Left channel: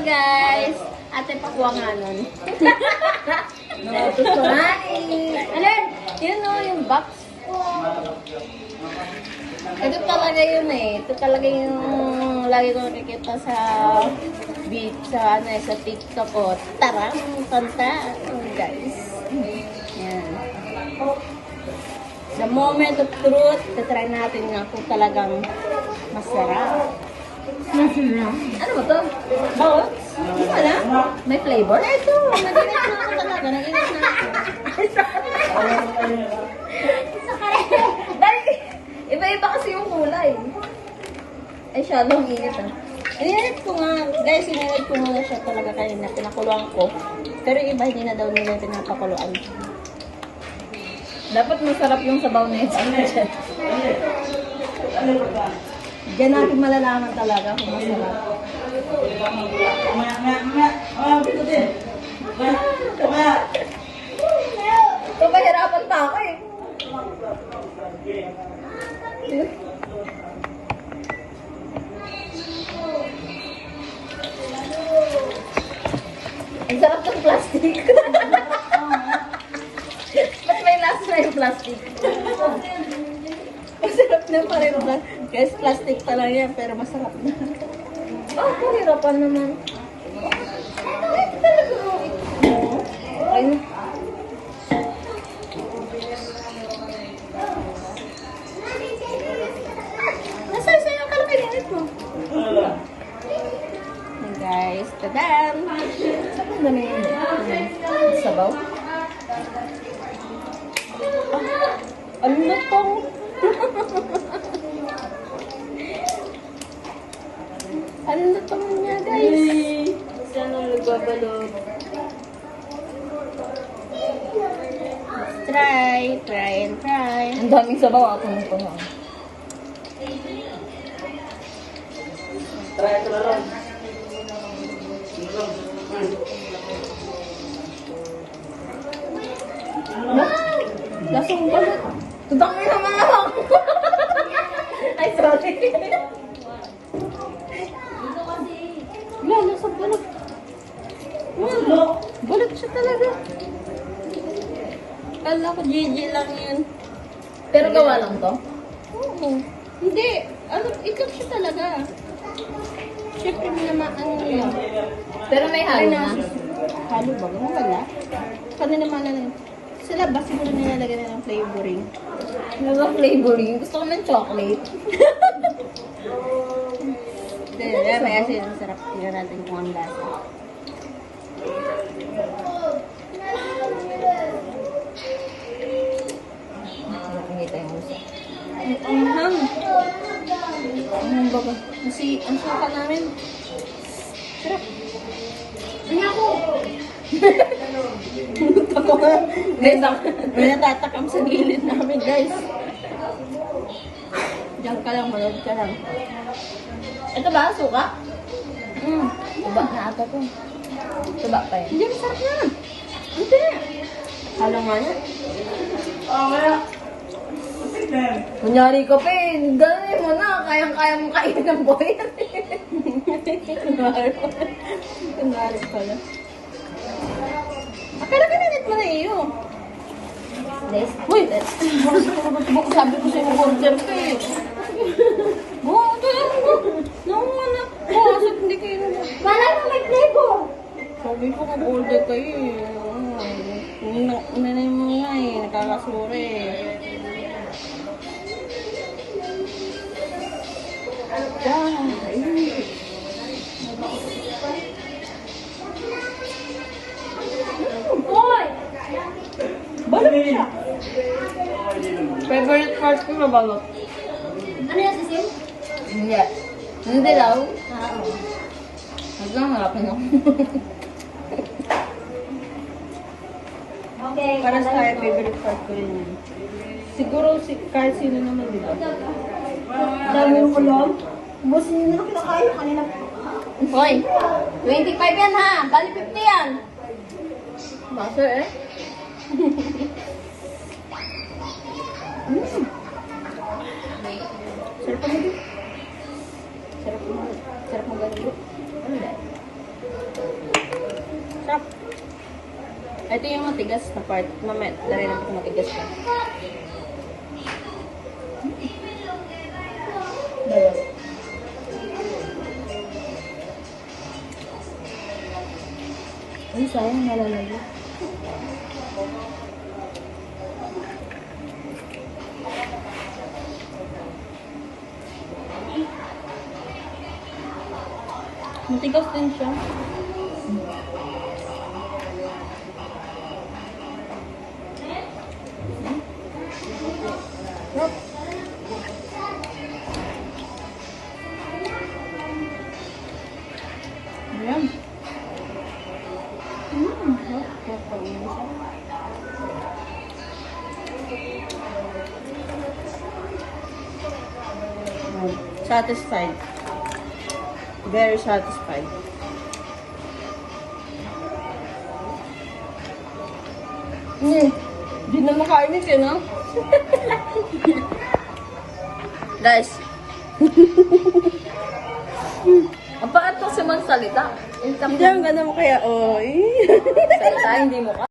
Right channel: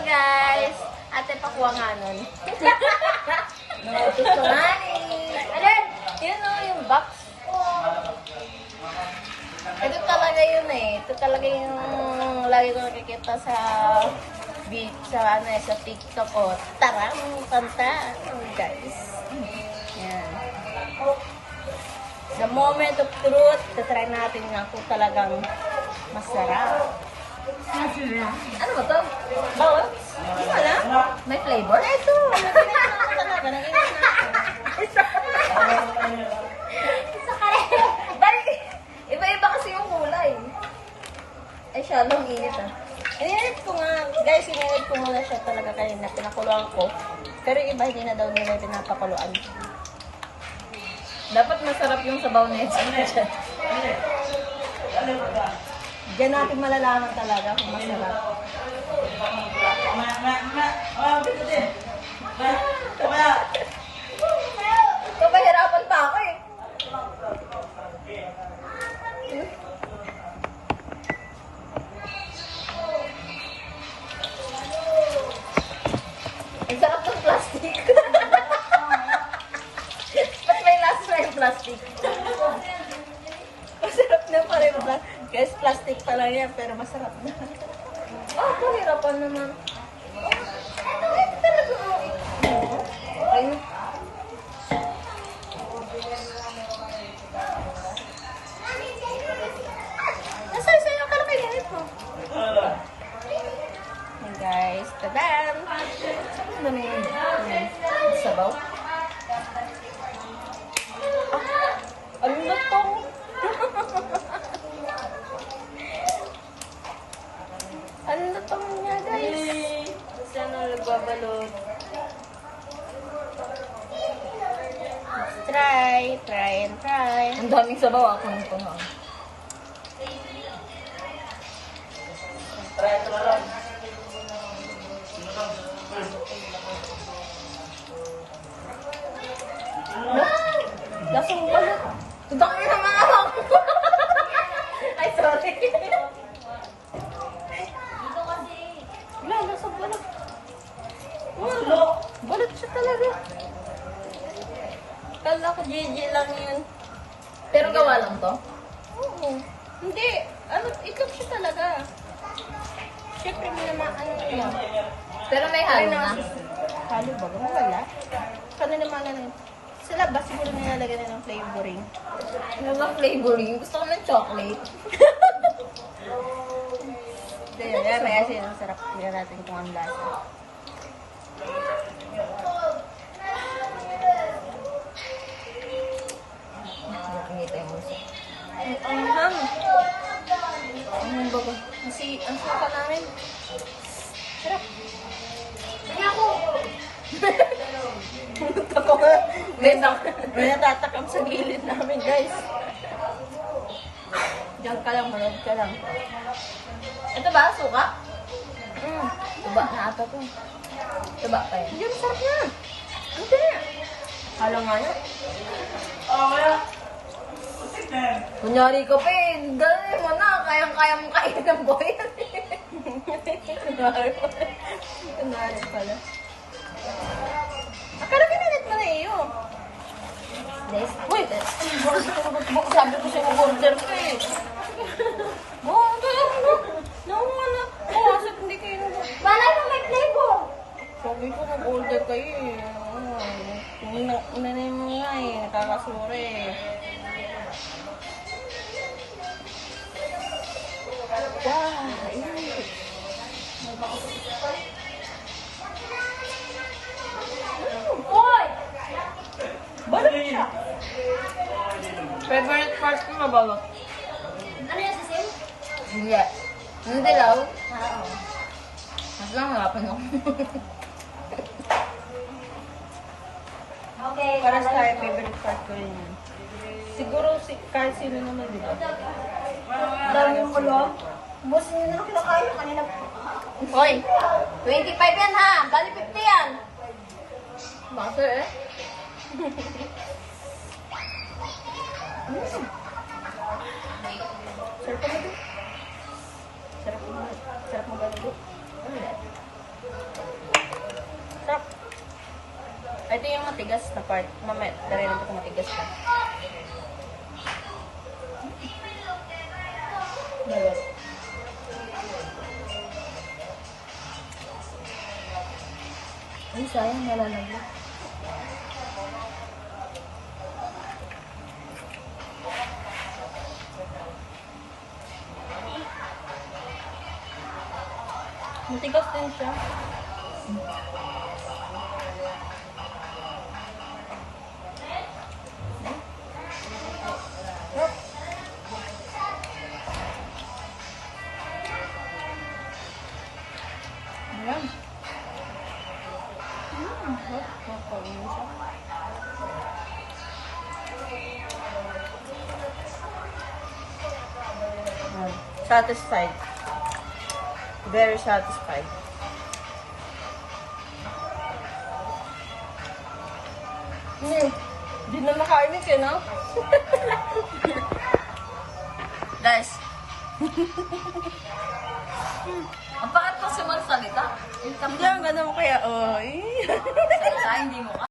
guys! Ate pakuha nga nun. Alam, yun o, yung box. Ito talaga yun eh. Ito talaga yung lagi ko nakikita sa beat, sa TikTok ko. Tara, punta. Guys. Yan. The moment of truth, tatry natin nga kung talagang masarap. Ano ba ito? Bakit? Hindi pala? May flavor? Ito, naginit na ako talaga. Naginit na ako. Iba-iba kasi yung kulay. Ay, syadong init ah. Inirit ko nga, guys, inirit ko muna siya talaga kanina. Pinakuluan ko. Pero iba, hindi na daw nila pinapakuluan. Dapat masarap yung sabaw na ito. Diyan natin malalaman talaga kung masarap. Ito mahirapan pa ako eh. Ang sarap ng plastic. Ba't may nasa na yung plastic? Masarap na pa rin ba? Guys, plastic pa lang yan, pero masarap na. Mahirapan naman. Ay, talaga mo. Ay, nasa yung kalkinit mo? Hey guys, tadam! Saan ba na yun? Sabaw? Ang lutong! Ang lutong niya guys! Saan ang nagbabalog? Try and try. Ang daming sabaw ako na po lang. Lasong balot. Tudang mo naman ako. Ay, sorry. Wala, lasong balot. Wala, balot siya talaga. Kala ko GG lang yun. Pero gawa lang to? Oo. Hindi. Ano, ikaw siya talaga. Siyempre mo naman ano yun. Pero may halo na. Halo ba? Wala. Kano naman ano yun? Sa labas mo na nilalagay na ng flavoring. Ano ba flavoring? Gusto ko ng chocolate. Dahil may asin. Sarap. Tingnan natin kung ang lasa. Ang ham. Ang bago. Kasi ang saka namin. Sarap. Hindi ako. Ako nga. May natatakam sa gilid namin guys. Diyan ka lang. Malog ka lang. Ito ba? Suka? Suka na ito po. Suka pa yun. Hindi masarap na. Hindi na. Halo nga na. Wala. Kunyari ka pa eh. Gano'n mo na. Kayang-kaya mong kainin ng boy. Kunwari pala. Pero kinanit mo na iyo. Uy! Sabi ko siya order ka eh. Oo, naku na. Oo, sabi hindi kayo naman. Malang may plebo. Sabi ko order ka eh. Nanay mo nga eh. Nakakasura eh. Balot siya. Favorite part ko na balot. Ano yung sisim? Hindi. Ano dilaw? Hanggang harapan ako. Para sa akin, favorite part ko rin yun. Siguro kahit sino naman, di ba? Ano mo yun? Busin nyo na kinakain kanina. Hoy! 25 yan ha! Bali 50 yan! Basta eh. Sarap mo. Sarap mo gano'n. Ano ba? Sarap. Ito yung matigas na part. Mamaya, narin ako matigas na. Ay, sayang malamig. Matigas din siya. Ayan. Satisfied. Very satisfied. Di na makainis eh, no? Guys. Ang paat ko si magsalita. Hindi, ang ganda mo kaya, oy. Salita, hindi mo ka.